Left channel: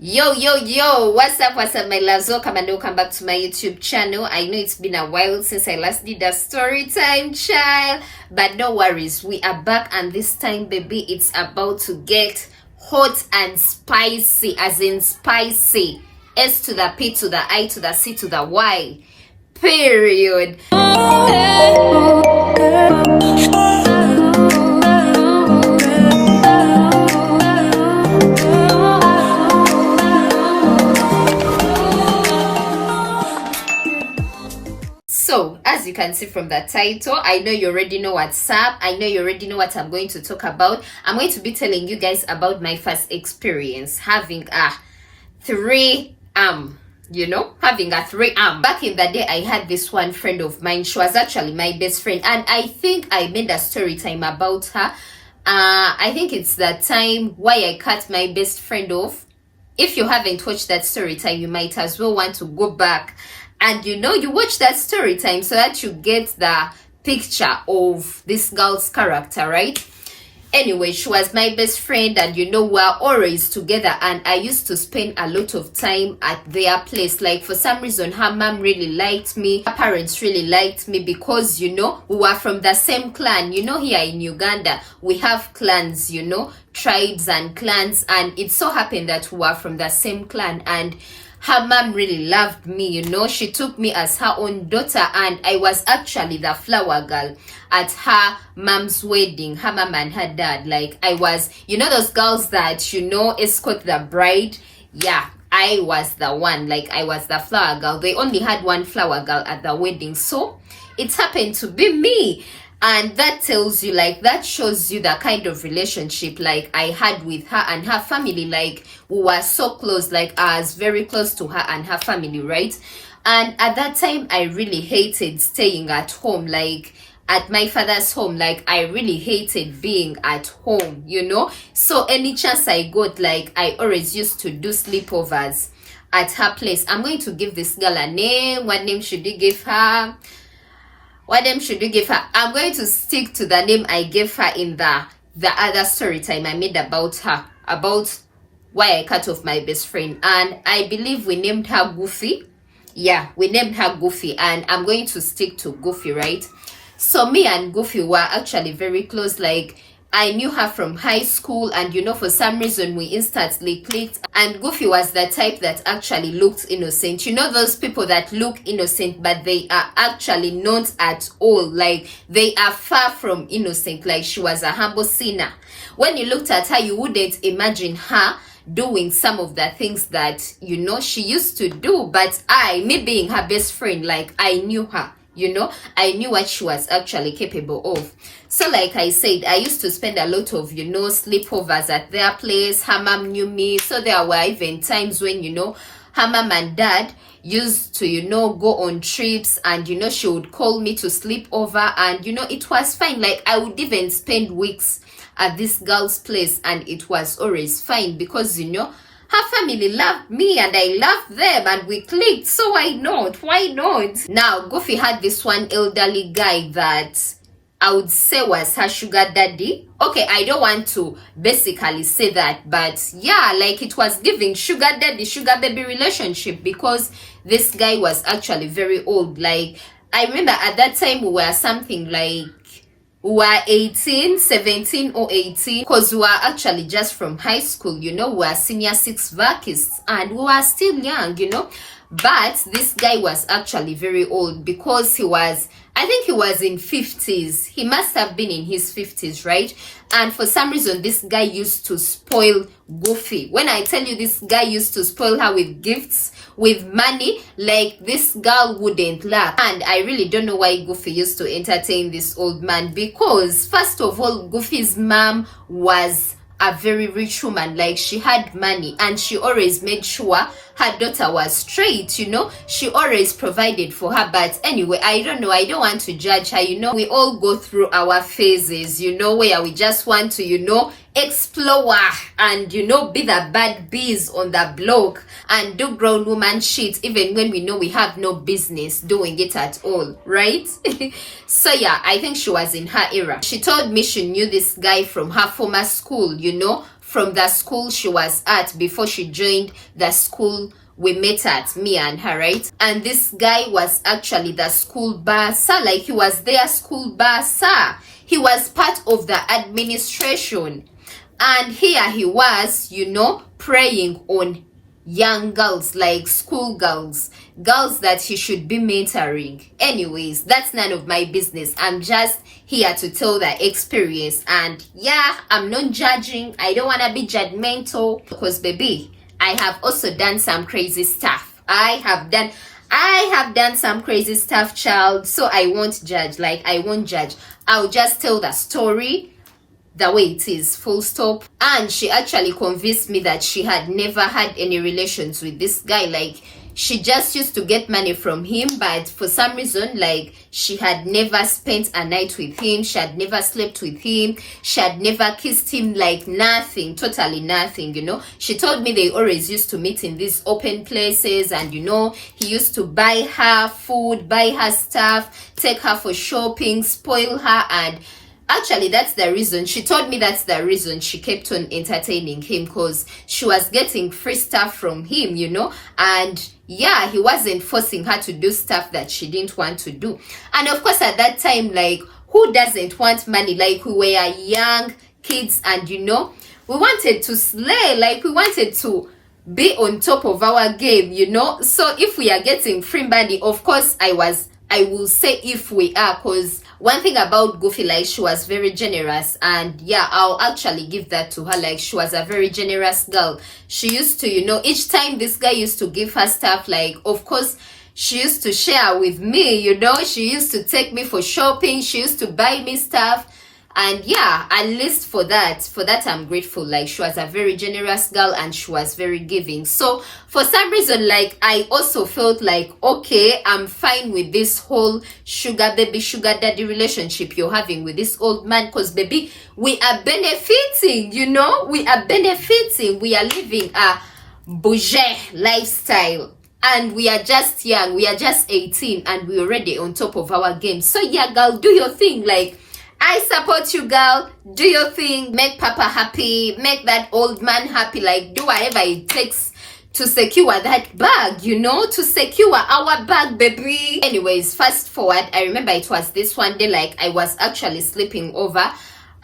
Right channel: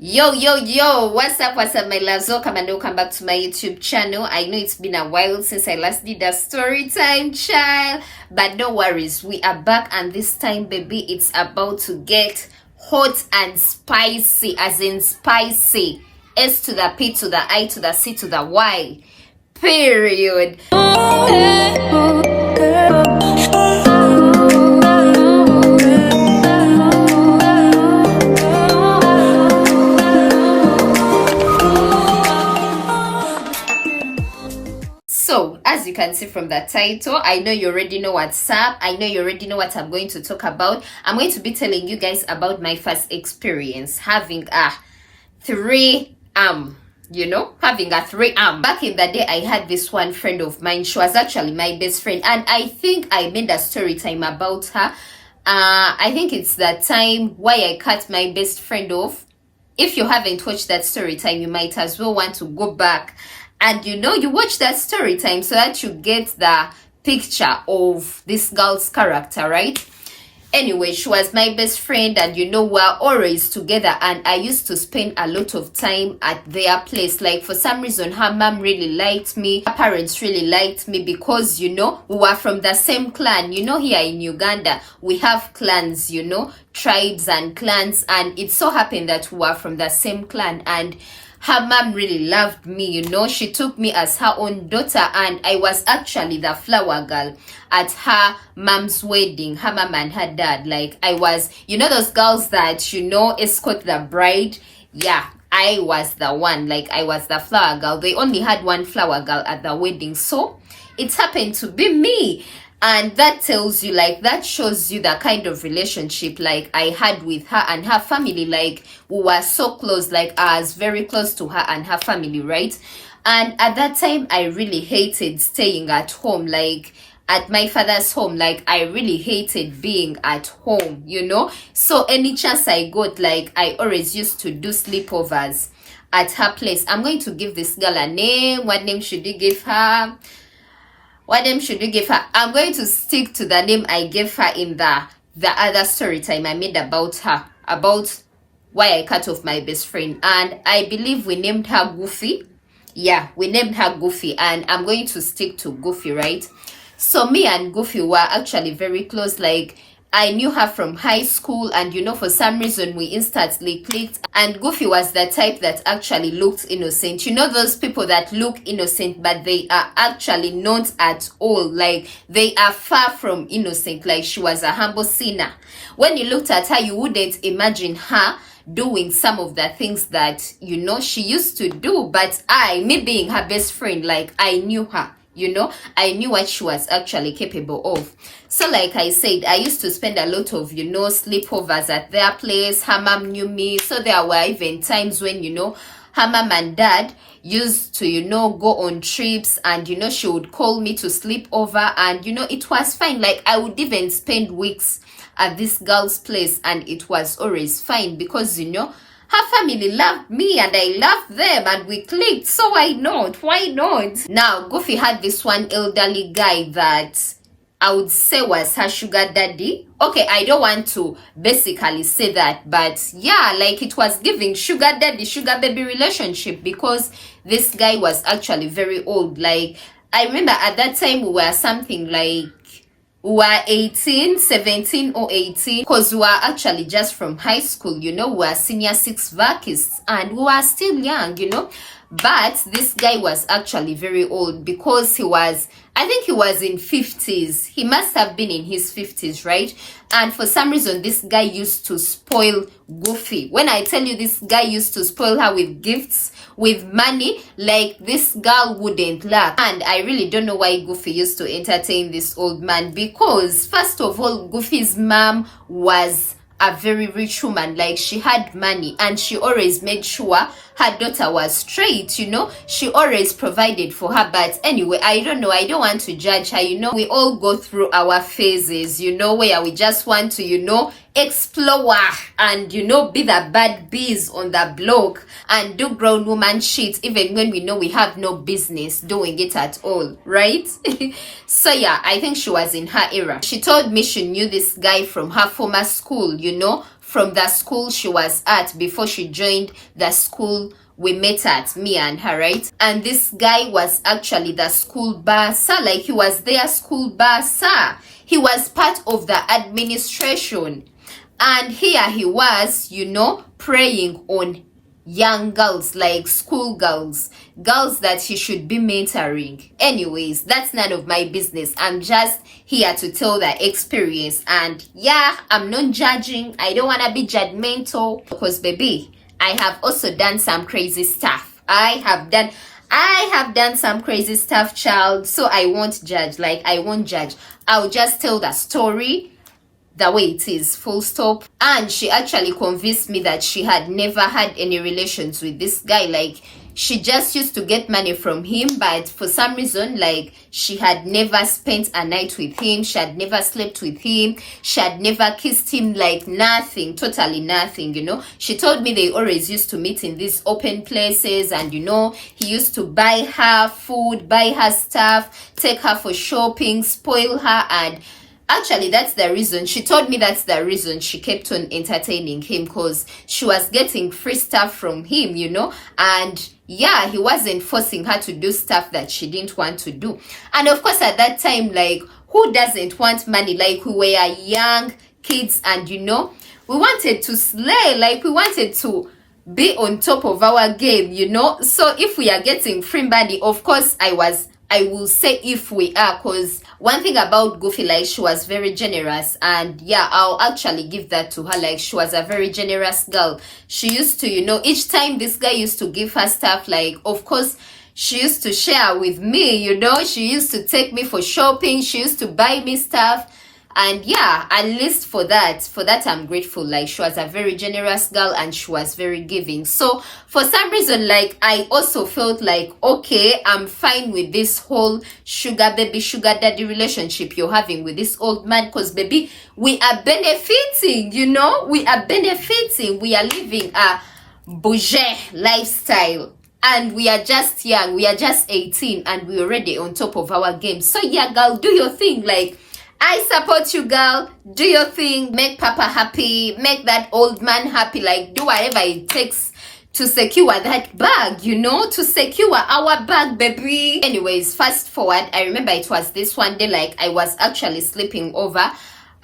Yo, what's up, my loves? Welcome and welcome back to my YouTube channel. I know it's been a while since I last did a story time, child, but no worries, we are back, and this time, baby, it's about to get hot and spicy, as in spicy. S to the P to the I to the C to the Y, period. So, as you can see from the title, I know you already know what's up. I know you already know what I'm going to talk about. I'm going to be telling you guys about my first experience having a having a three-arm. Back in the day, I had this one friend of mine. She was actually my best friend, and I think I made a story time about her. I think it's the time why I cut my best friend off. If you haven't watched that story time, you might as well want to go back and you watch that story time so that you get the picture of this girl's character, right? Anyway, she was my best friend, and we're always together, and I used to spend a lot of time at their place. Like, for some reason, her mom really liked me, her parents really liked me, because we were from the same clan. Here in Uganda we have clans, tribes and clans, and it so happened that we were from the same clan, and her mom really loved me. She took me as her own daughter, and I was actually the flower girl at her mom's wedding, her mom and her dad. Like, I was, those girls that, escort the bride. Yeah, I was the one. Like, I was the flower girl. They only had one flower girl at the wedding, so it happened to be me. And that tells you, like, that shows you the kind of relationship, like, I had with her and her family. Like, we were so close. Like, I was very close to her and her family, right? And at that time, I really hated staying at home, like, at my father's home. Like, I really hated being at home, So any chance I got, like, I always used to do sleepovers at her place. I'm going to give this girl a name. What name should you give her? What name should you give her? I'm going to stick to the name I gave her in the other story time I made about her, about why I cut off my best friend. And I believe we named her Goofy. Yeah, we named her Goofy, and I'm going to stick to Goofy, right? So me and Goofy were actually very close. Like, I knew her from high school, and for some reason we instantly clicked. And Goofy was the type that actually looked innocent. Those people that look innocent, but they are actually not at all. Like, they are far from innocent. Like, she was a humble sinner. When you looked at her, you wouldn't imagine her doing some of the things that she used to do. But me being her best friend, like, I knew her. I knew what she was actually capable of. So, like I said, I used to spend a lot of, sleepovers at their place. Her mom knew me. So there were even times when, her mom and dad used to, go on trips, and, she would call me to sleep over, and, it was fine. Like, I would even spend weeks at this girl's place, and it was always fine, because, her family loved me and I loved them, and we clicked. So why not? Now, Goofy had this one elderly guy that I would say was her sugar daddy. Okay, I don't want to basically say that, but yeah, like, it was giving sugar daddy, sugar baby relationship, because this guy was actually very old. Like, I remember at that time we were something like, we were 18, 17 or 18, because we were actually just from high school, we were senior six vacists, and we were still young, But this guy was actually very old, because I think he was in 50s. He must have been in his 50s, right? And for some reason, this guy used to spoil Goofy. When I tell you this guy used to spoil her with gifts, with money, like, this girl wouldn't lack. And I really don't know why Goofy used to entertain this old man, because first of all, Goofy's mom was a very rich woman. Like, she had money, and she always made sure her daughter was straight. She always provided for her. But anyway, I don't know, I don't want to judge her. We all go through our phases, where we just want to explore and be the bad bees on the block and do grown woman shit, even when we know we have no business doing it at all, right? So yeah, I think she was in her era. She told me she knew this guy from her former school, from the school she was at before she joined the school we met at, me and her, right? And this guy was actually the school bursar, like he was their school bursar. He was part of the administration. And here he was, you know, preying on young girls, like school girls that he should be mentoring. Anyways, that's none of my business. I'm just here to tell the experience. And yeah, I'm not judging. I don't want to be judgmental because, baby, I have also done some crazy stuff. I have done some crazy stuff, child. So I won't judge. Like, I won't judge. I'll just tell the story the way it is, full stop. And she actually convinced me that she had never had any relations with this guy. Like, she just used to get money from him, but for some reason, like, she had never spent a night with him, she had never slept with him, she had never kissed him, like nothing, totally nothing, you know. She told me they always used to meet in these open places, and you know, he used to buy her food, buy her stuff, take her for shopping, spoil her. And actually, that's the reason. She told me that's the reason she kept on entertaining him, because she was getting free stuff from him, you know. And yeah, he wasn't forcing her to do stuff that she didn't want to do. And of course, at that time, like, who doesn't want money? Like, we were young kids, and you know, we wanted to slay. Like, we wanted to be on top of our game, you know. So if we are getting free money, of course, I will say if we are, because one thing about Goofy, like, she was very generous. And yeah, I'll actually give that to her. Like, she was a very generous girl. She used to, you know, each time this guy used to give her stuff, like, of course, she used to share with me, you know. She used to take me for shopping. She used to buy me stuff. And yeah, at least for that I'm grateful. Like, she was a very generous girl, and she was very giving. So for some reason, like, I also felt like, okay, I'm fine with this whole sugar baby, sugar daddy relationship you're having with this old man, because, baby, we are benefiting, you know. We are benefiting. We are living a bourgeois lifestyle. And we are just young. We are just 18, and we're already on top of our game. So yeah, girl, do your thing. Like, I support you, girl. Do your thing. Make Papa happy. Make that old man happy. Like, do whatever it takes to secure that bag, you know, to secure our bag, baby. Anyways, fast forward. I remember it was this one day, like, I was actually sleeping over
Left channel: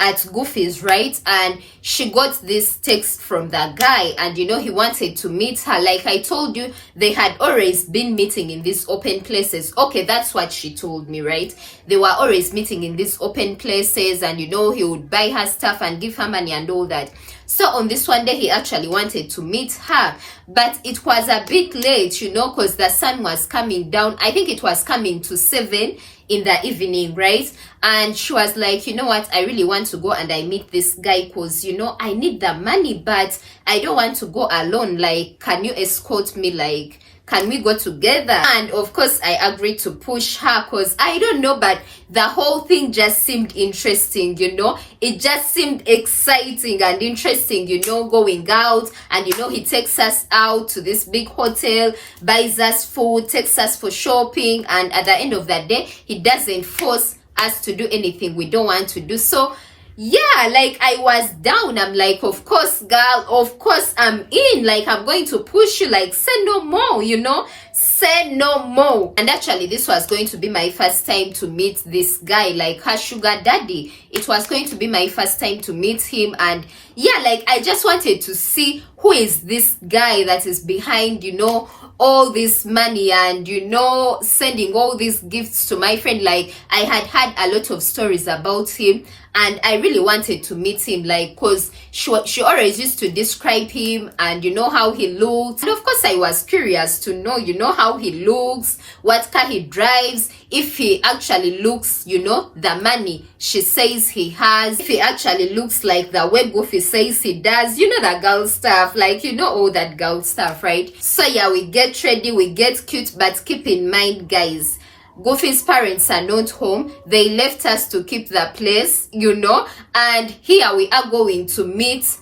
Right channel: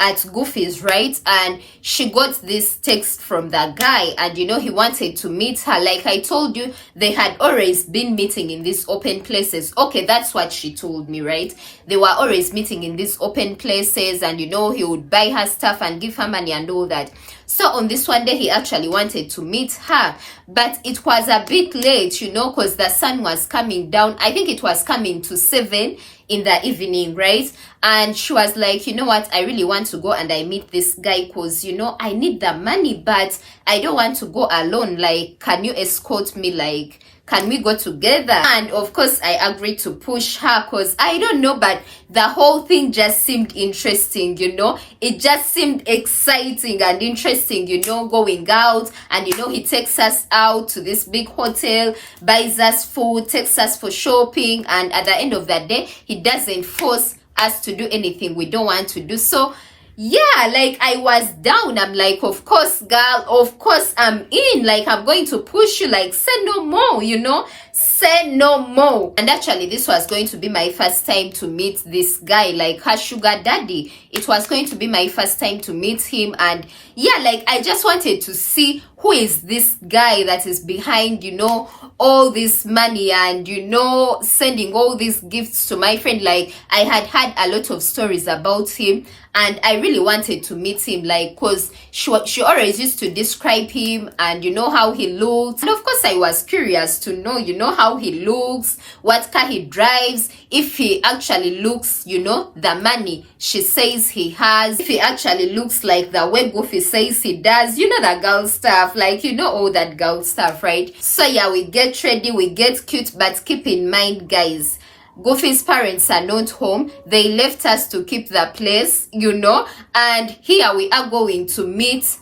at Goofy's, right? And she got this text from the guy, and you know, he wanted to meet her. Like I told you, they had always been meeting in these open places. Okay, that's what she told me, right? They were always meeting in these open places, and you know, he would buy her stuff and give her money and all that. So on this one day, he actually wanted to meet her, but it was a bit late, you know, because the sun was coming down. I think it was coming to 7 in the evening, right? And she was like, you know what, I really want to go and I meet this guy, because, you know, I need the money, but I don't want to go alone. Like, can you escort me? Like, can we go together? And of course, I agreed to push her, because I don't know, but the whole thing just seemed interesting, you know. It just seemed exciting and interesting, you know, going out. And you know, he takes us out to this big hotel, buys us food, takes us for shopping, and at the end of the day, he doesn't force us to do anything we don't want to do. So yeah, like, I was down. I'm like, of course, girl, of course I'm in. Like, I'm going to push you. Like, say no more, you know, say no more. And actually, this was going to be my first time to meet this guy, like her sugar daddy. It was going to be my first time to meet him. And yeah, like, I just wanted to see who is this guy that is behind, you know, all this money, and you know, sending all these gifts to my friend. Like, I had a lot of stories about him, and I really wanted to meet him, like, because she always used to describe him, and you know how he looks. And of course, I was curious to know, you know, how he looks, what car he drives, if he actually looks, you know, the money she says he has, if he actually looks like the way Goofy says he does, you know, the girl stuff, like, you know, all that girl stuff, right? So yeah, we get ready, we get cute, but keep in mind, guys, Goofy's parents are not home. They left us to keep the place, you know. And here we are going to meet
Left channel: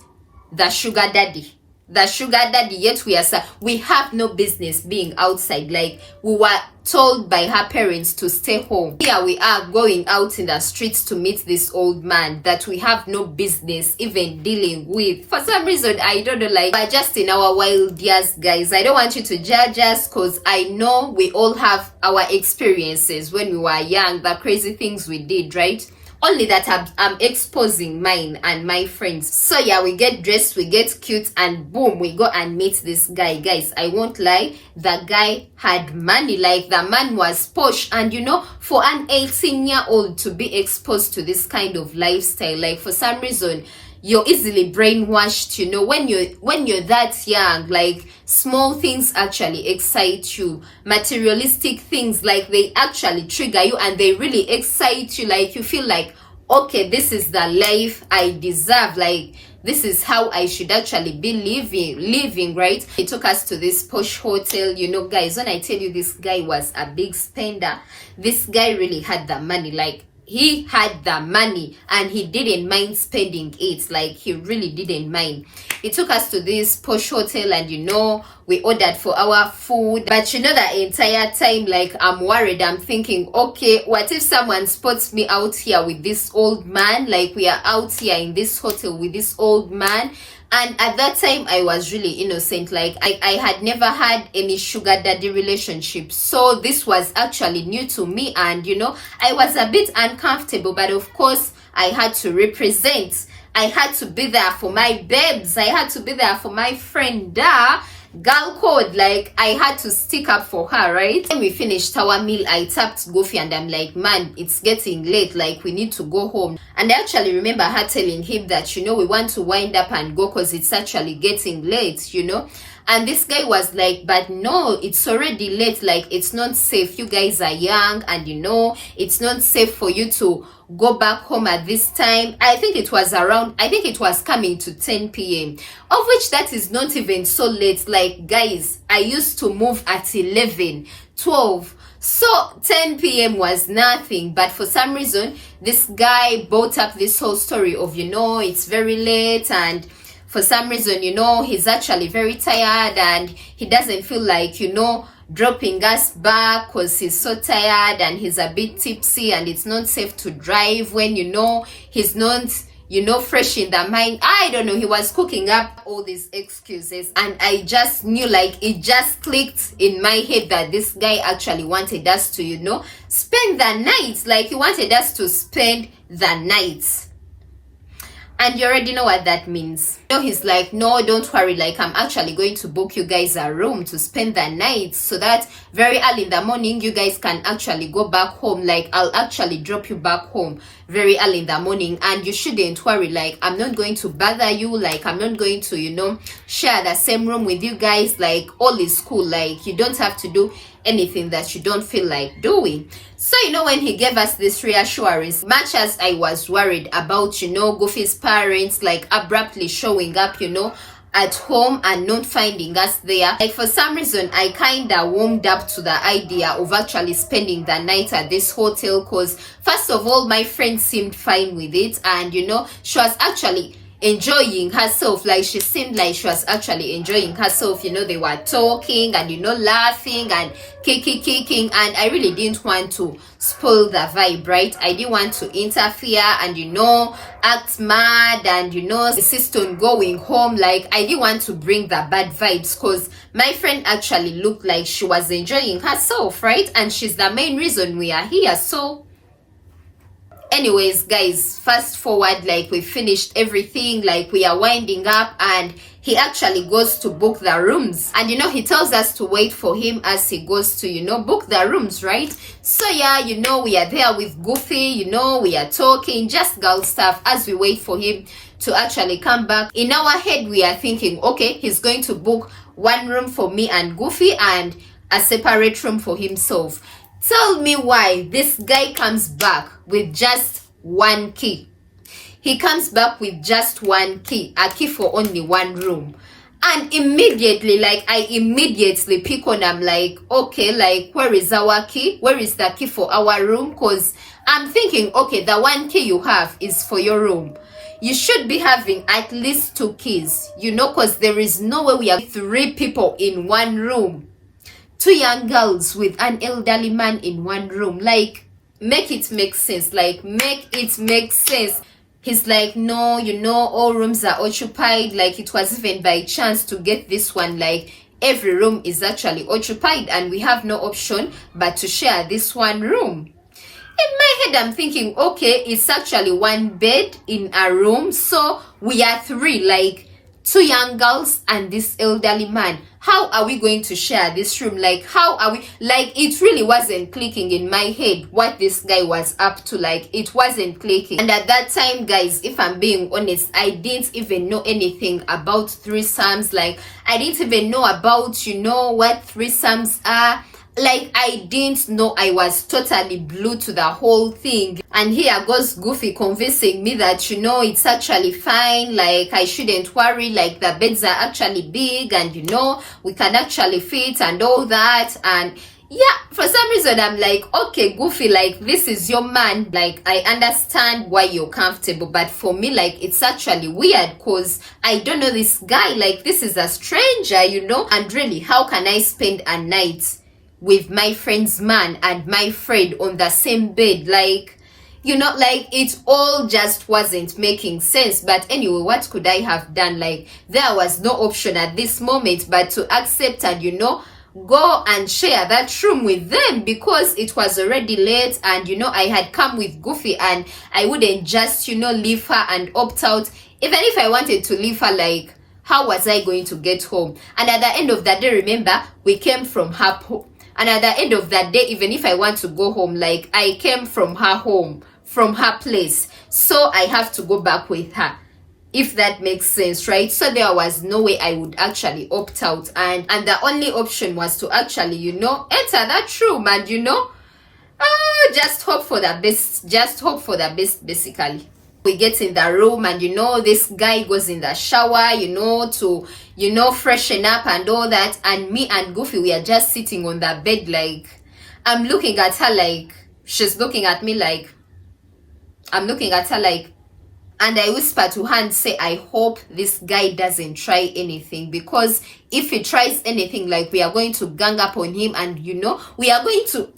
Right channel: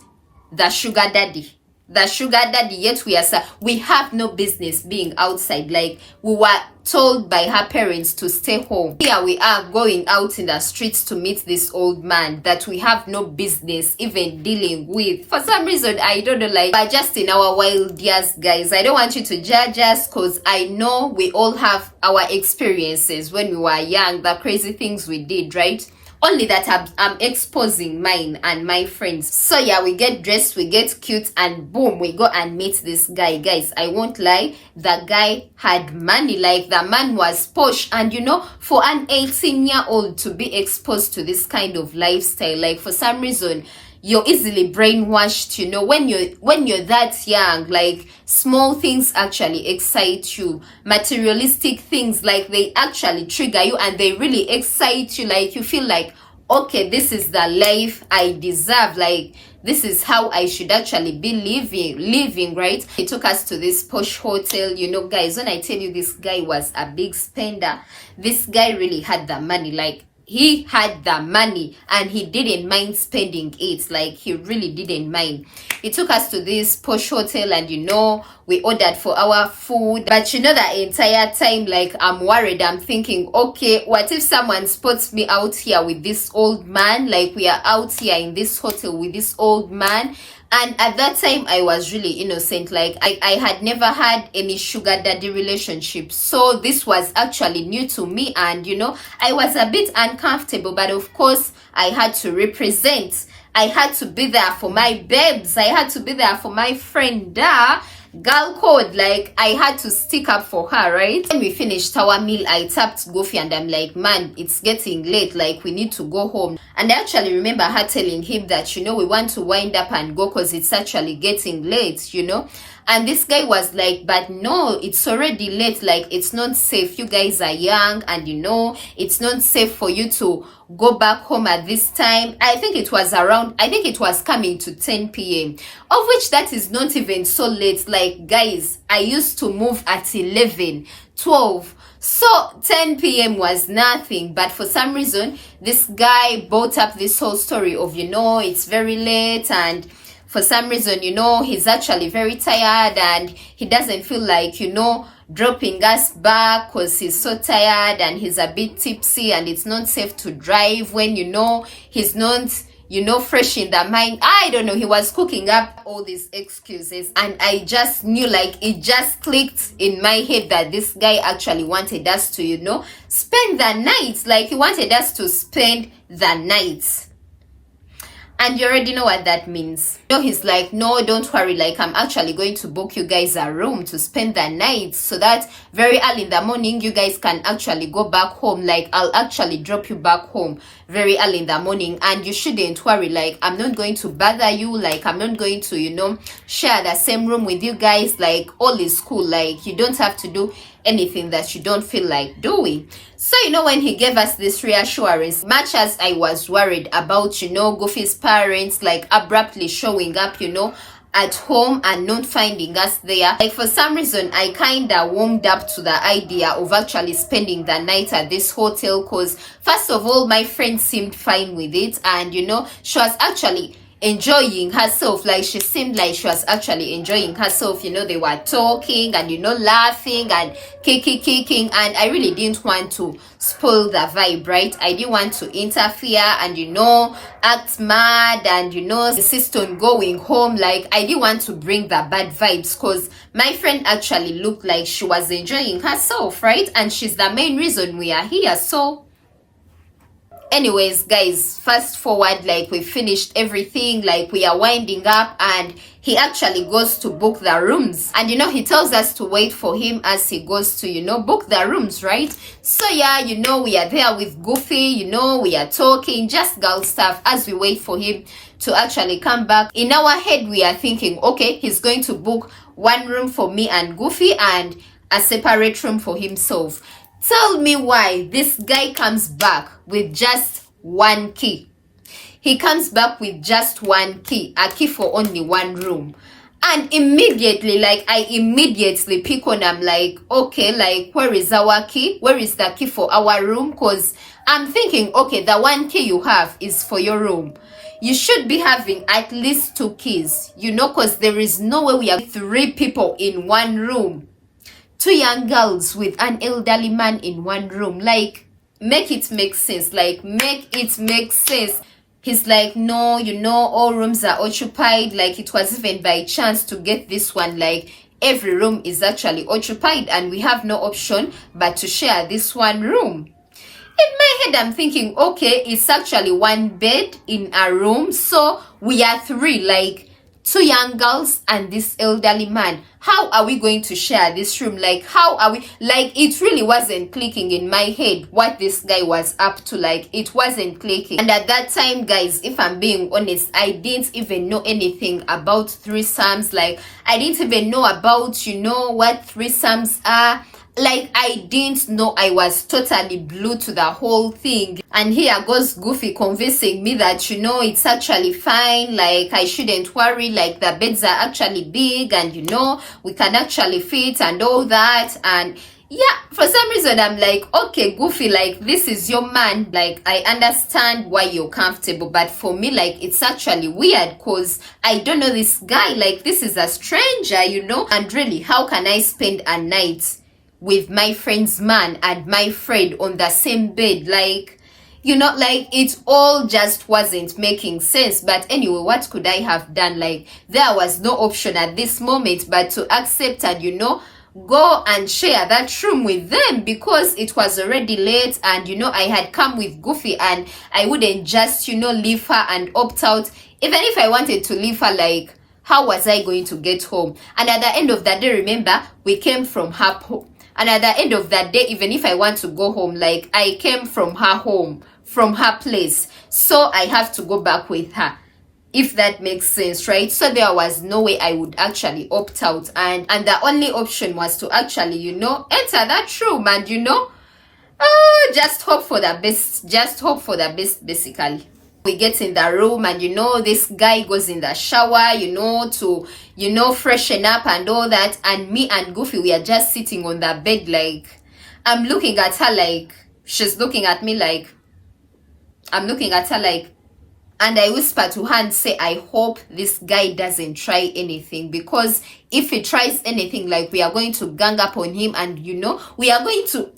the sugar daddy. the sugar daddy, yet we have no business being outside. Like, we were told by her parents to stay home. Here we are going out in the streets to meet this old man that we have no business even dealing with. For some reason, I don't know, like, we're just in our wild years, guys. I don't want you to judge us, because I know we all have our experiences when we were young, the crazy things we did, right? Only that I'm exposing mine and my friends. So yeah, we get dressed, we get cute, and boom, we go and meet this guy. Guys, I won't lie, the guy had money. Like, the man was posh. And you know, for an 18-year-old to be exposed to this kind of lifestyle, like, for some reason, you're easily brainwashed, you know, when you're that young. Like, small things actually excite you. Materialistic things, like, they actually trigger you and they really excite you. Like, you feel like, okay, this is the life I deserve. Like, this is how I should actually be living, right? He took us to this posh hotel. You know, guys, when I tell you this guy was a big spender, this guy really had the money. Like, he had the money and he didn't mind spending it. Like, he really didn't mind. He took us to this posh hotel, and you know, we ordered for our food. But you know, the entire time, like, I'm worried. I'm thinking, okay, what if someone spots me out here with this old man? Like, we are out here in this hotel with this old man. And at that time, I was really innocent. Like, I had never had any sugar daddy relationship. So this was actually new to me. And, you know, I was a bit uncomfortable. But of course, I had to represent. I had to be there for my babes. I had to be there for my friend, girl code. Like, I had to stick up for her, right? When we finished our meal, I tapped Goofy and I'm like, man, it's getting late. Like, we need to go home. And I actually remember her telling him that, you know, we want to wind up and go because it's actually getting late, you know. And this guy was like, but no, it's already late. Like, it's not safe. You guys are young, and you know, it's not safe for you to go back home at this time. I think it was coming to 10 p.m. of which that is not even so late. Like, guys, I used to move at 11, 12. So 10 p.m. was nothing. But for some reason, this guy brought up this whole story of, you know, it's very late, and for some reason, you know, he's actually very tired and he doesn't feel like, you know, dropping us back because he's so tired and he's a bit tipsy, and it's not safe to drive when, you know, he's not, you know, fresh in the mind. I don't know, he was cooking up all these excuses, and I just knew, like, it just clicked in my head that this guy actually wanted us to, you know, spend the night. Like, he wanted us to spend the night. And you already know what that means. You know, he's like, no, don't worry, like, I'm actually going to book you guys a room to spend the night so that very early in the morning you guys can actually go back home. Like, I'll actually drop you back home very early in the morning, and you shouldn't worry. Like, I'm not going to bother you. Like, I'm not going to, you know, share the same room with you guys. Like, all is cool. Like, you don't have to do anything that you don't feel like doing. So, you know, when he gave us this reassurance, much as I was worried about, you know, Goofy's parents, like, abruptly showing up, you know, at home and not finding us there, like, for some reason, I kind of warmed up to the idea of actually spending the night at this hotel, because, first of all, my friend seemed fine with it, and, you know, she was actually enjoying herself. Like, she seemed like she was actually enjoying herself. You know, they were talking and, you know, laughing and kicking, and I really didn't want to spoil the vibe, right? I didn't want to interfere and, you know, act mad and, you know, insist on going home. Like, I didn't want to bring the bad vibes, because my friend actually looked like she was enjoying herself, right? And she's the main reason we are here. So anyways, guys, fast forward, like, we finished everything, like, we are winding up, and he actually goes to book the rooms. And, you know, he tells us to wait for him as he goes to, you know, book the rooms, right? So yeah, you know, we are there with Goofy, you know, we are talking, just girl stuff, as we wait for him to actually come back. In our head, we are thinking, okay, he's going to book one room for me and Goofy and a separate room for himself. Tell me why this guy comes back with just one key. He comes back with just one key, a key for only one room. And immediately, like, I immediately pick on, I'm like, okay, like, where is our key? Where is the key for our room? Because I'm thinking, okay, the one key you have is for your room. you should be having at least 2 keys, you know, because there is no way we have 3 people in one room, 2 young girls with an elderly man in one room. Like, make it make sense. Like, make it make sense. He's like, no, you know, all rooms are occupied. Like, it was even by chance to get this one. Like, every room is actually occupied and we have no option but to share this one room. In my head, I'm thinking, okay, it's actually 1 bed in a room. So we are 3, like 2 young girls and this elderly man. How are we going to share this room? Like, how are we? Like, it really wasn't clicking in my head what this guy was up to. Like, it wasn't clicking. And at that time, guys, if I'm being honest, I didn't even know anything about threesomes. Like, I didn't even know about, you know, what threesomes are. Like, I didn't know. I was totally blue to the whole thing. And here goes Goofy convincing me that, you know, it's actually fine. Like, I shouldn't worry. Like, the beds are actually big and, you know, we can actually fit and all that. And yeah, for some reason, I'm like, okay, Goofy, like, this is your man. Like, I understand why you're comfortable. But for me, like, it's actually weird because I don't know this guy. Like, this is a stranger, you know. And really, how can I spend a night with my friend's man and my friend on the same bed? Like, you know, like, it all just wasn't making sense. But anyway, what could I have done? Like, there was no option at this moment but to accept and, you know, go and share that room with them because it was already late and, you know, I had come with Goofy and I wouldn't just, you know, leave her and opt out. Even if I wanted to leave her, like, how was I going to get home? And at the end of the day, remember, we came from her home. And at the end of that day, even if I want to go home, like, I came from her home, from her place. So I have to go back with her, if that makes sense, right? So there was no way I would actually opt out. And the only option was to actually, you know, enter that room and, you know, just hope for the best. Just hope for the best, basically. We get in the room and, you know, this guy goes in the shower, you know, to, you know, freshen up and all that. And me and Goofy, we are just sitting on the bed. Like, I'm looking at her like, she's looking at me like, I'm looking at her like, and I whisper to her and say, I hope this guy doesn't try anything, because if he tries anything, like, we are going to gang up on him and, you know, we are going to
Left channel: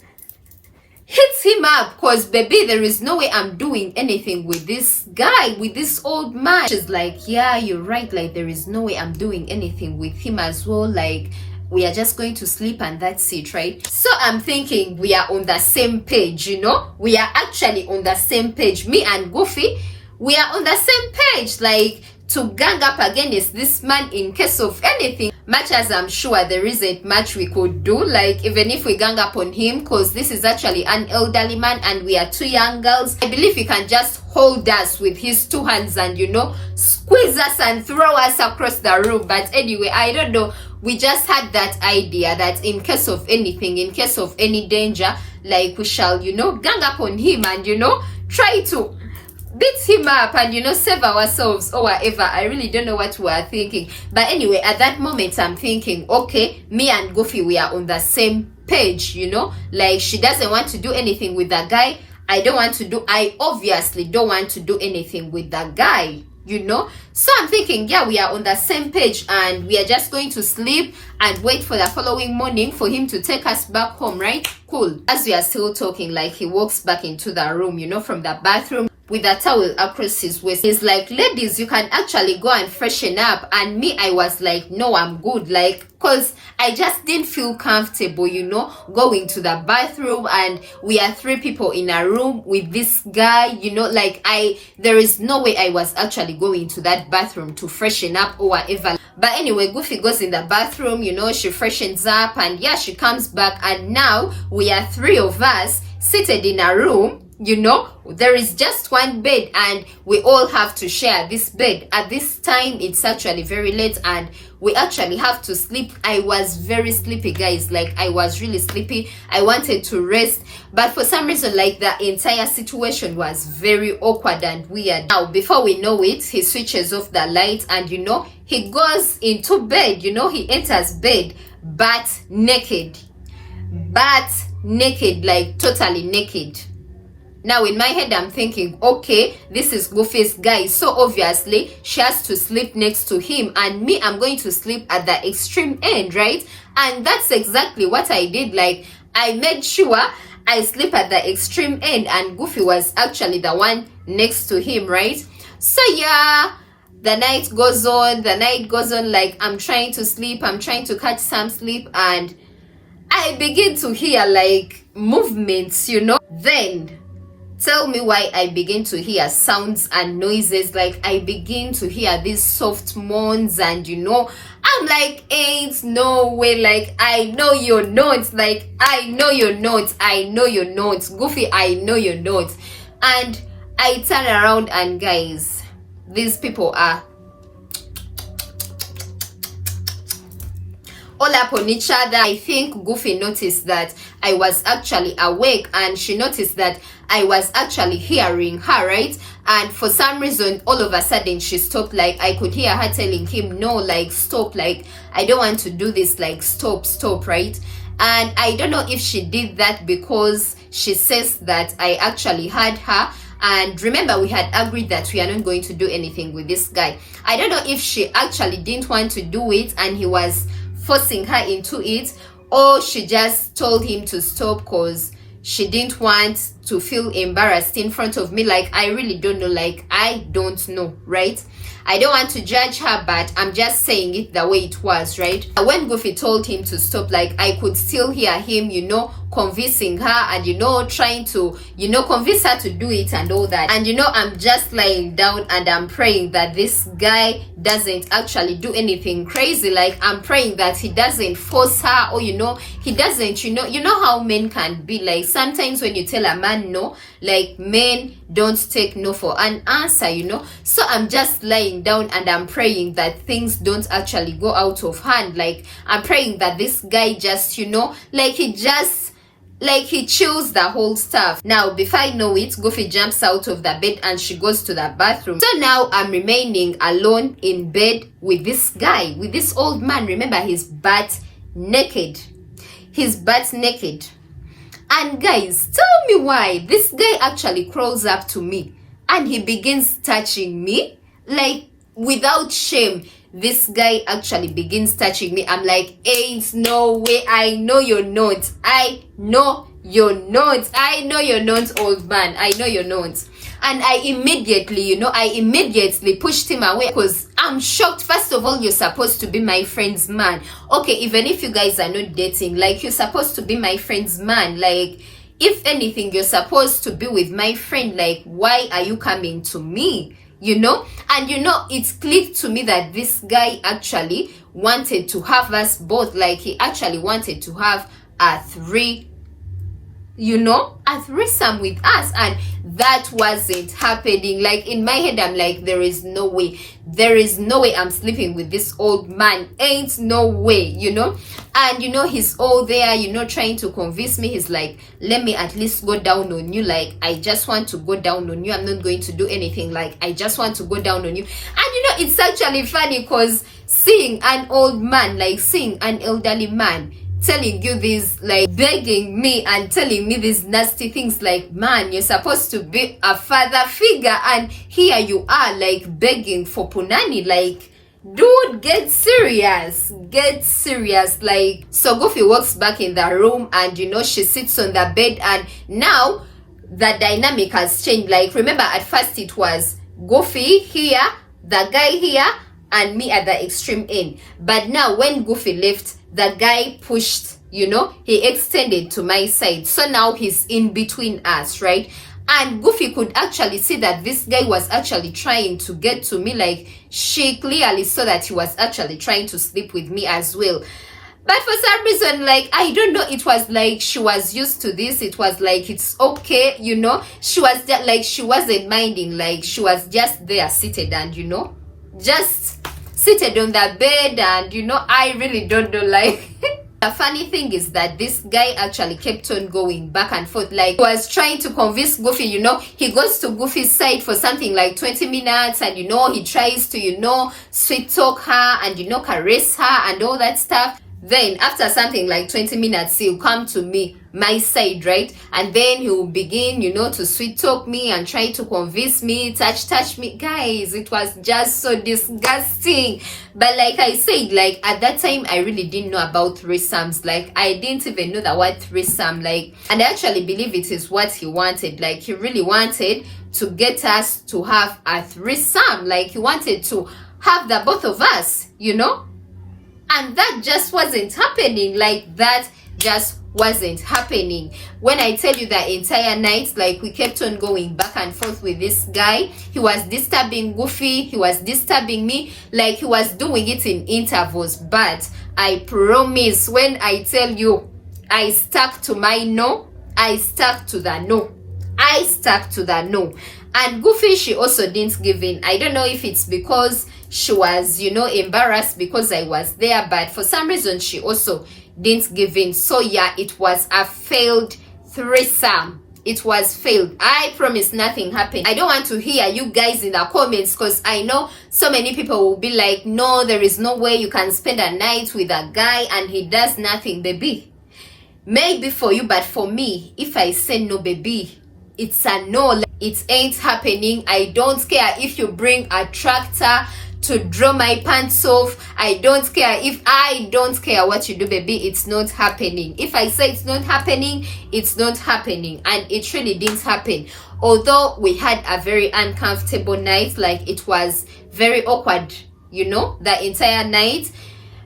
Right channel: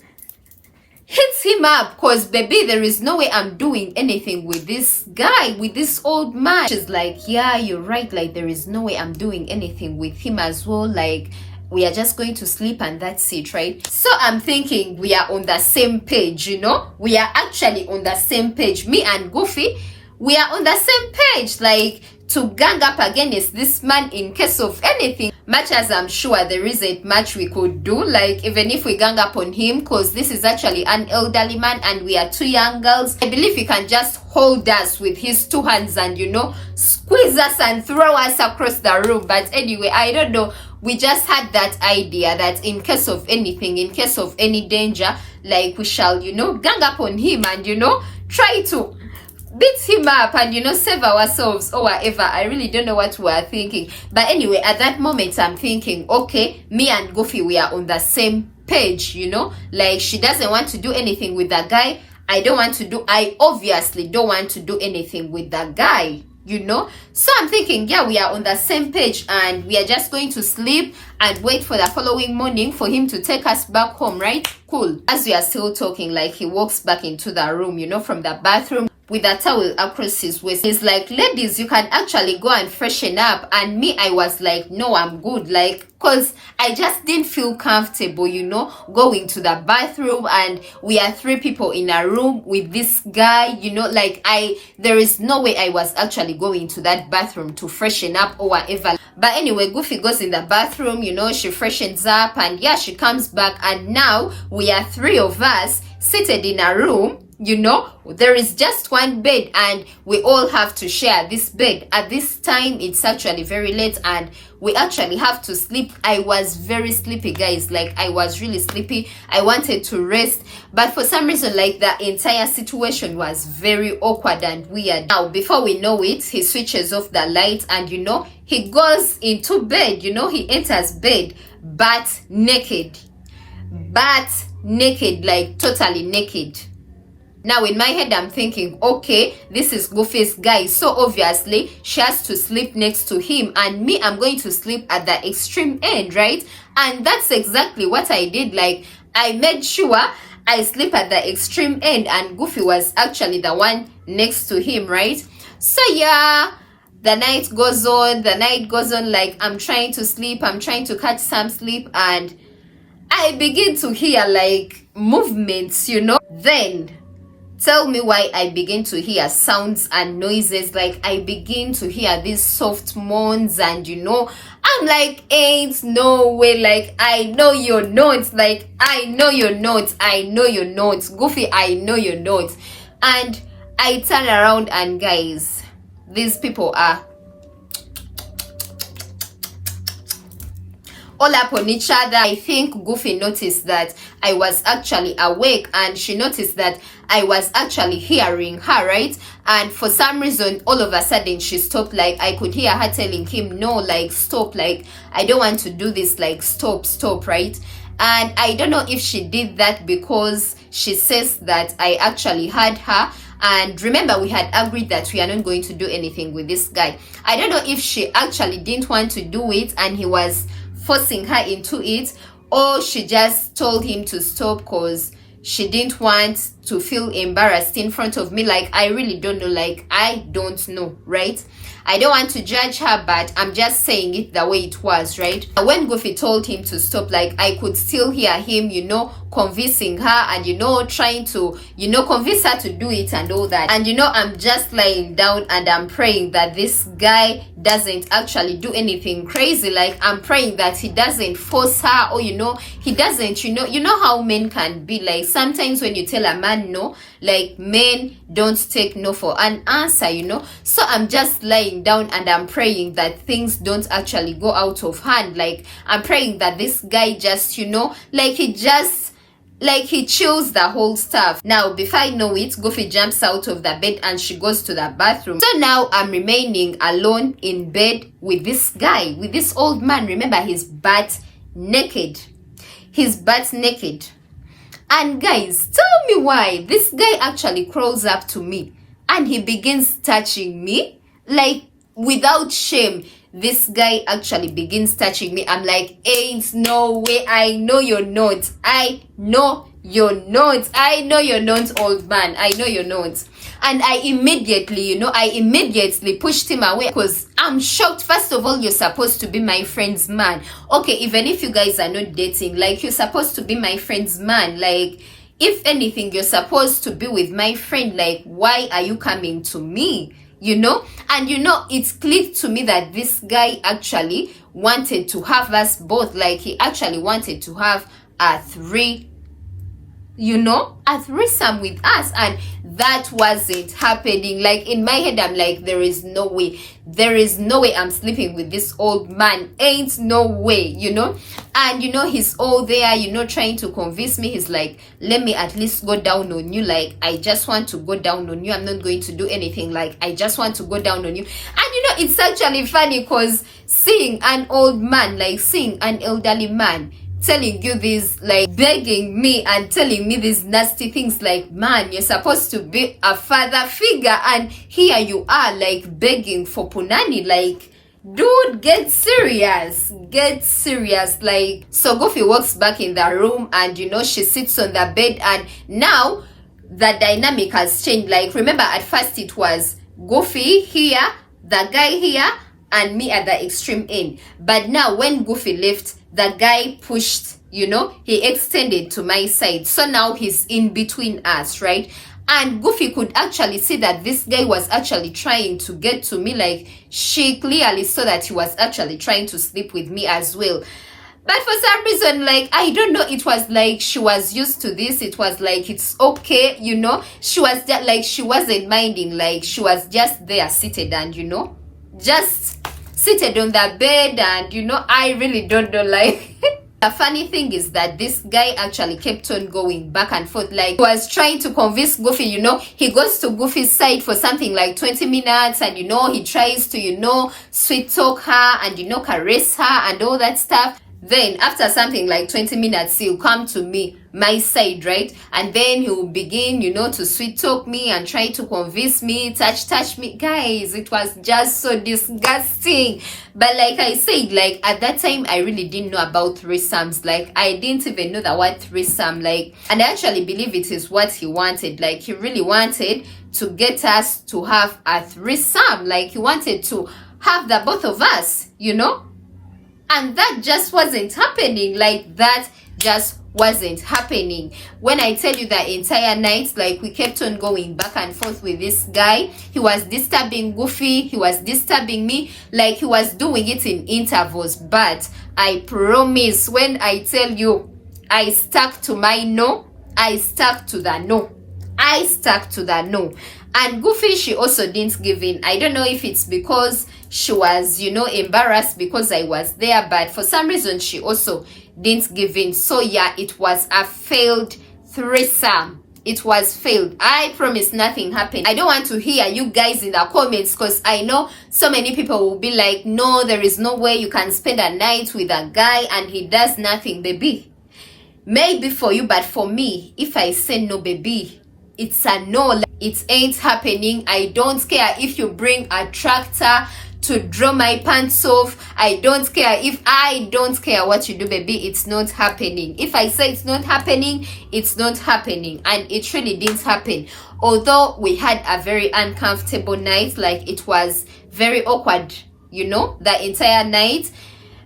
hit him up, because baby, there is no way I'm doing anything with this guy, with this old man. She's like, yeah, you're right. Like, there is no way I'm doing anything with him as well. Like, we are just going to sleep and that's it, right? So I'm thinking we are on the same page, you know, we are actually on the same page. Me and Goofy, we are on the same page, like, to gang up against this man in case of anything. Much as I'm sure there isn't much we could do, like, even if we gang up on him, because this is actually an elderly man and we are 2 young girls, I believe he can just hold us with his 2 hands and, you know, squeeze us and throw us across the room. But anyway, I don't know, we just had that idea that in case of anything, in case of any danger, like, we shall, you know, gang up on him and, you know, try to beat him up and, you know, save ourselves or whatever. I really don't know what we are thinking. But anyway, at that moment, I'm thinking, okay, me and Goofy, we are on the same page, you know, like, she doesn't want to do anything with that guy. I obviously don't want to do anything with that guy, you know. So I'm thinking, yeah, we are on the same page and we are just going to sleep and wait for the following morning for him to take us back home, right? Cool. As we are still talking, like, he walks back into the room, you know, from the bathroom with a towel across his waist. He's like, ladies, you can actually go and freshen up. And me, I was like, no, I'm good. Like, because I just didn't feel comfortable, you know, going to the bathroom and we are 3 people in a room with this guy, you know, like, there is no way I was actually going to that bathroom to freshen up or whatever. But anyway, Goofy goes in the bathroom, you know, she freshens up and yeah, she comes back and now we are 3 of us seated in a room. You know, there is just 1 bed and we all have to share this bed. At this time, it's actually very late and we actually have to sleep. I was very sleepy, guys. Like, I was really sleepy. I wanted to rest. But for some reason, like, the entire situation was very awkward and weird. Now, before we know it, he switches off the lights and, you know, he goes into bed. You know, he enters bed, but naked. But naked, like, totally naked. Now in my head I'm thinking, okay, this is Goofy's guy, so obviously she has to sleep next to him, and me, I'm going to sleep at the extreme end, right? And that's exactly what I did. Like, I made sure I sleep at the extreme end, and Goofy was actually the one next to him, right? So yeah, the night goes on, like I'm trying to sleep, I'm trying to catch some sleep, and I begin to hear like movements, Then tell me why I begin to hear sounds and noises. Like, I begin to hear these soft moans, and I'm like, ain't no way. Like, I know you're not. Like, I know you're not. I know you're not. Goofy, I know you're not. And I turn around, and guys, these people are all up on each other. I think Goofy noticed that I was actually awake, and she noticed that I was actually hearing her, right? And for some reason, all of a sudden, she stopped. Like, I could hear her telling him, no, like, stop, like, I don't want to do this, like, stop, right? And I don't know if she did that because she says that I actually heard her. And remember, we had agreed that we are not going to do anything with this guy. I don't know if she actually didn't want to do it and he was forcing her into it, or she just told him to stop because she didn't want to feel embarrassed in front of me. Like, I really don't know. Like, I don't know, right? I don't want to judge her, but I'm just saying it the way it was, right? When Goofy told him to stop, like, I could still hear him, convincing her and, trying to, convince her to do it and all that. And, I'm just lying down and I'm praying that this guy doesn't actually do anything crazy. Like, I'm praying that he doesn't force her, or, he doesn't, how men can be. Like, sometimes when you tell a man no, like, men don't take no for an answer, So I'm just lying down and I'm praying that things don't actually go out of hand. Like, I'm praying that this guy just, he chills the whole stuff. Now, before I know it, Goofy jumps out of the bed and she goes to the bathroom. So now I'm remaining alone in bed with this guy, with this old man. Remember, he's butt naked. And guys, tell me why this guy actually crawls up to me and he begins touching me, like, without shame. This guy actually begins touching me. I'm like, ain't no way. I know you're not. I know you're not, old man. I know you're not. And I immediately pushed him away because I'm shocked. First of all, you're supposed to be my friend's man. Okay, even if you guys are not dating, like, you're supposed to be my friend's man. Like, if anything, you're supposed to be with my friend. Like, why are you coming to me? And it clicked to me that this guy actually wanted to have us both. Like, he actually wanted to have a threesome with us, and that wasn't happening. Like, in my head, I'm like, there is no way I'm sleeping with this old man. Ain't no way, And he's all there, trying to convince me. He's like, let me at least go down on you. Like, I just want to go down on you. I'm not going to do anything. Like, I just want to go down on you. And it's actually funny because seeing an old man, like, seeing an elderly man telling you this, like, begging me and telling me these nasty things, like, man, you're supposed to be a father figure, and here you are, like, begging for punani. Like, dude, get serious. Like, so Goofy walks back in the room, and she sits on the bed, and now the dynamic has changed. Like, remember, at first it was Goofy here, the guy here, and me at the extreme end. But now when Goofy left, the guy pushed, he extended to my side. So now he's in between us, right? And Goofy could actually see that this guy was actually trying to get to me. Like, she clearly saw that he was actually trying to sleep with me as well. But for some reason, like, I don't know, it was like she was used to this. It was like, it's okay, She was just like, she wasn't minding. Like, she was just there seated and, just seated on the bed, and I really don't know. Like, the funny thing is that this guy actually kept on going back and forth. Like, he was trying to convince Goofy. He goes to Goofy's side for something like 20 minutes, and he tries to sweet talk her and caress her and all that stuff. Then after something like 20 minutes, he'll come to me, my side, right? And then he'll begin, to sweet talk me and try to convince me, touch me. Guys, it was just so disgusting. But like I said, like at that time, I really didn't know about threesomes. Like I didn't even know the word threesome. Like, and I actually believe it is what he wanted. Like he really wanted to get us to have a threesome. Like he wanted to have the both of us, and that just wasn't happening. Like that just wasn't happening. When I tell you the entire night, like we kept on going back and forth with this guy. He was disturbing Goofy, he was disturbing me, like he was doing it in intervals. But I promise, when I tell you I stuck to my no, I stuck to the no. I stuck to the no. And Goofy, she also didn't give in. I don't know if it's because she was, embarrassed because I was there, but for some reason she also didn't give in. So yeah, it was a failed threesome. It was failed. I promise nothing happened. I don't want to hear you guys in the comments, because I know so many people will be like, no, there is no way you can spend a night with a guy and he does nothing. Baby, maybe for you, but for me, if I say no, baby, it's a no. It ain't happening. I don't care if you bring a tractor to draw my pants off. I don't care. If I don't care what you do, baby, it's not happening. If I say it's not happening, it's not happening. And it really didn't happen. Although we had a very uncomfortable night, like it was very awkward, the entire night.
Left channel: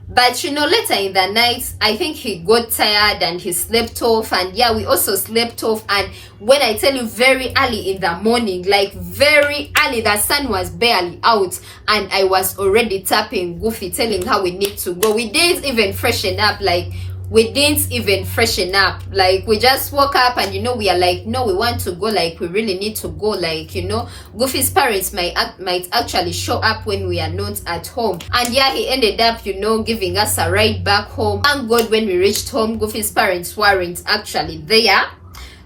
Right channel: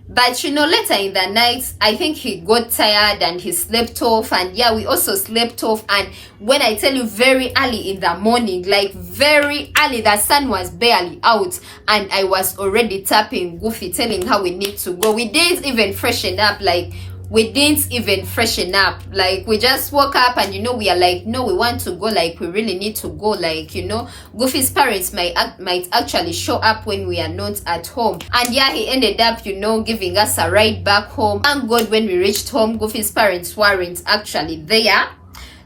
But later in the night, I think he got tired and he slept off. And yeah, we also slept off. And when I tell you, very early in the morning, like very early, the sun was barely out, and I was already tapping Goofy, telling her we need to go. We didn't even freshen up. Like we didn't even freshen up. Like we just woke up and we are like, no, we want to go. Like we really need to go. Like Goofy's parents might actually show up when we are not at home. And yeah, he ended up giving us a ride back home. Thank God, when we reached home, Goofy's parents weren't actually there,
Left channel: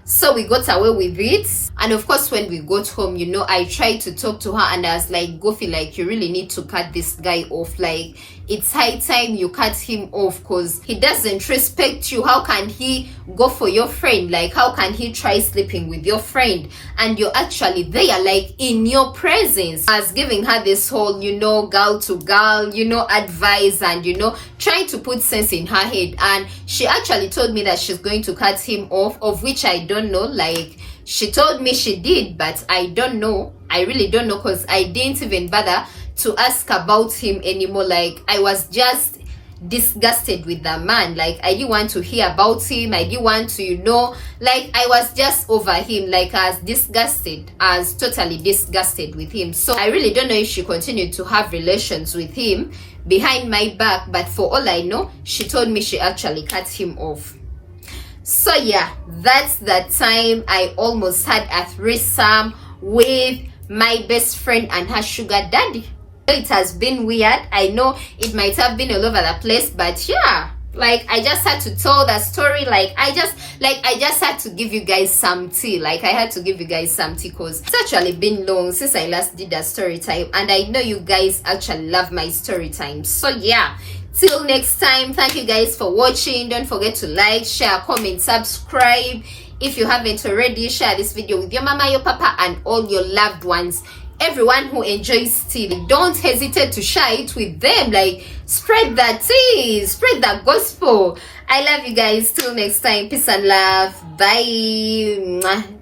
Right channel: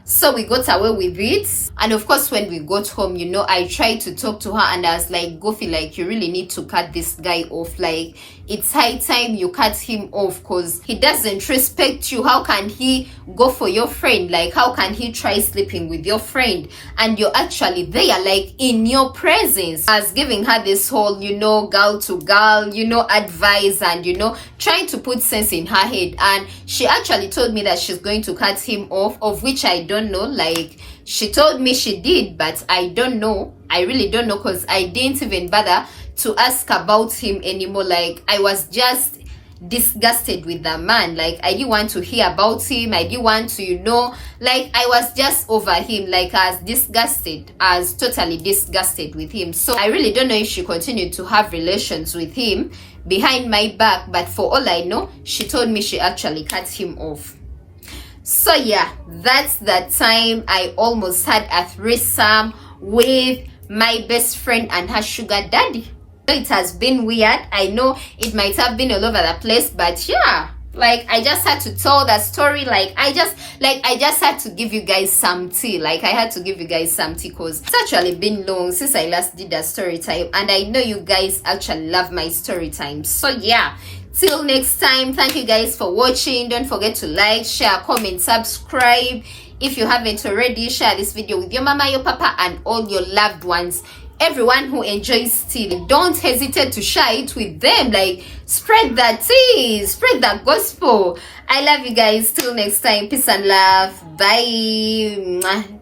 so we got away with it. And of course, when we got home, I tried to talk to her and I was like, Goofy, like you really need to cut this guy off. Like it's high time you cut him off, because he doesn't respect you. How can he go for your friend? Like how can he try sleeping with your friend and you're actually there, like in your presence? I was giving her this whole girl to girl advice, and trying to put sense in her head. And she actually told me that she's going to cut him off, of which I don't know. Like she told me she did, but I don't know. I really don't know, because I didn't even bother to ask about him anymore. Like I was just disgusted with the man. Like I didn't want to hear about him. I didn't want to like I was just over him. Like I was disgusted. I was totally disgusted with him. So I really don't know if she continued to have relations with him behind my back, but for all I know, she told me she actually cut him off. So yeah, that's the time I almost had a threesome with my best friend and her sugar daddy. It has been weird. I know it might have been all over the place, but yeah, like I just had to tell that story. Like I just had to give you guys some tea. Like I had to give you guys some tea, because it's actually been long since I last did a story time, and I know you guys actually love my story time. So yeah, till next time, thank you guys for watching. Don't forget to like, share, comment, subscribe. If you haven't already, share this video with your mama, your papa, and all your loved ones. Everyone who enjoys tea, don't hesitate to share it with them. Like spread that tea, spread that gospel. I love you guys. Till next time, peace and love. Bye.